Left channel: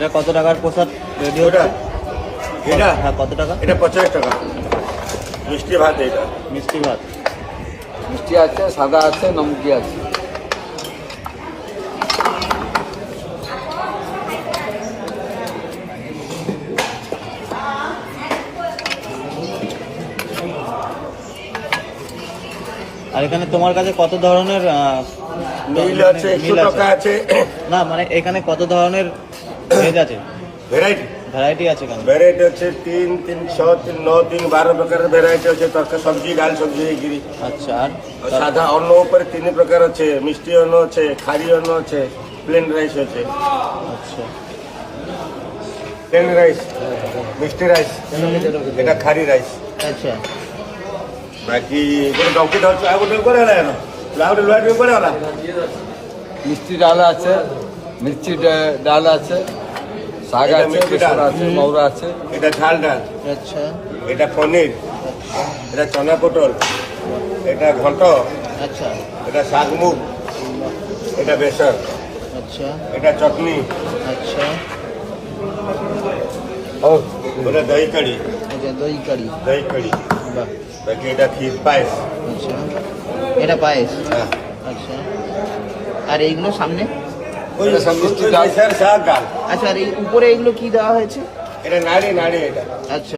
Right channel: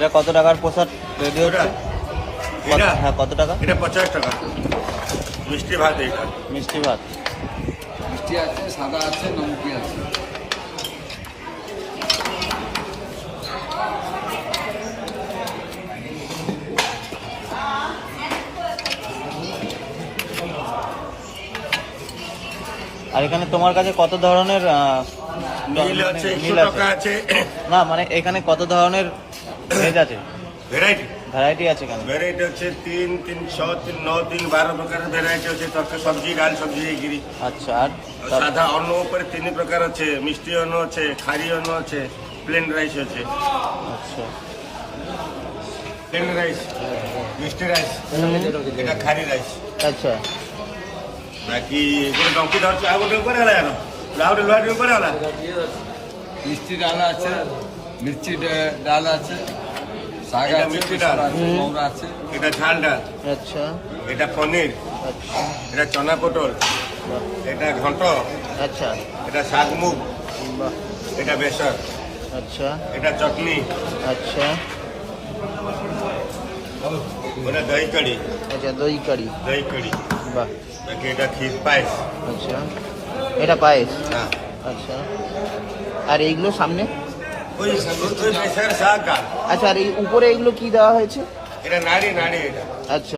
এটা কত টাকার প্রসাদ রেডি হচ্ছে? এটা হ্যাঁ, কত টাকা? এটা 50 টাকা। মিষ্টি ভাত, এটা মিষ্টি ভাত। মিষ্টি আছে, সাদা আছে, নমকি আছে। আর এখানে তোমার কাছে কত ধরনের নীল আছে, 100 টাকা আছে। না মানে এখানে কত ধরনের ভেজ আছে, ভ্যারাইটি ভ্যারাইটি আছে কেন? ভ্যারাইটি আছে 3, 3, 6, 3, 9, 3, 12 প্রকার ভ্যারাইটি আছে। তরকারি, সবজি, ডাল, সবজি ହେଇକିରି। আচ্ছা। আর ସାଧା ଅନ୍ନ ଉପରେ 3 ପ୍ରକାର ଅଛି। ମିଷ୍ଟି ଅନ୍ନ ଅଛି, ଖାରି ଅନ୍ନ ଅଛି, ପ୍ଲେନ୍ ରାଇସ୍ ଅଛି। আচ্ছা, ପ୍ଲେନ୍ ରାଇସ୍, ମିଷ୍ଟି ରାଇସ୍, এটা ଖାରି ରାଇସ୍। আচ্ছা। ବାକି ଗୋଟେ ଡଙ୍କି ଧରିଛୁ, ଆଉ ଗୋଟେ ଉପରେ ହେଲା ଆଉ ଗୋଟେ ଲୁହା ଡଙ୍କି ଉପରେ ହେଲା। মিষ্টি ডাল আছে, মির্চি ডাল আছে, শাক এটা আছে, মিষ্টি ডাল। বেসন আছে, মৌরা আছে। এটা ঝাল ডাল, আচ্ছা, এটা পনির, এটা চনা পটল, এটা ঘন্ট, আচ্ছা, এটা শাক মুগ, এটা বেসন, আচ্ছা, এটা চটনি, আচ্ছা, ও এটা দহি কড়ি, আচ্ছা। দই কারি। দহি কড়ি। বাহ। বাকি এটা ক্ষীর পায়েস। আচ্ছা, এটা পায়েস। হ্যাঁ, আচ্ছা। আর এইগুলো সামনে? ওই মিষ্টি ডাল, শাক ডাল। আচ্ছা, আর এই উপরে এইগুলো কি দেওয়া হয়েছে? এটা নাড়ি নাড়ি, এটা আচ্ছা।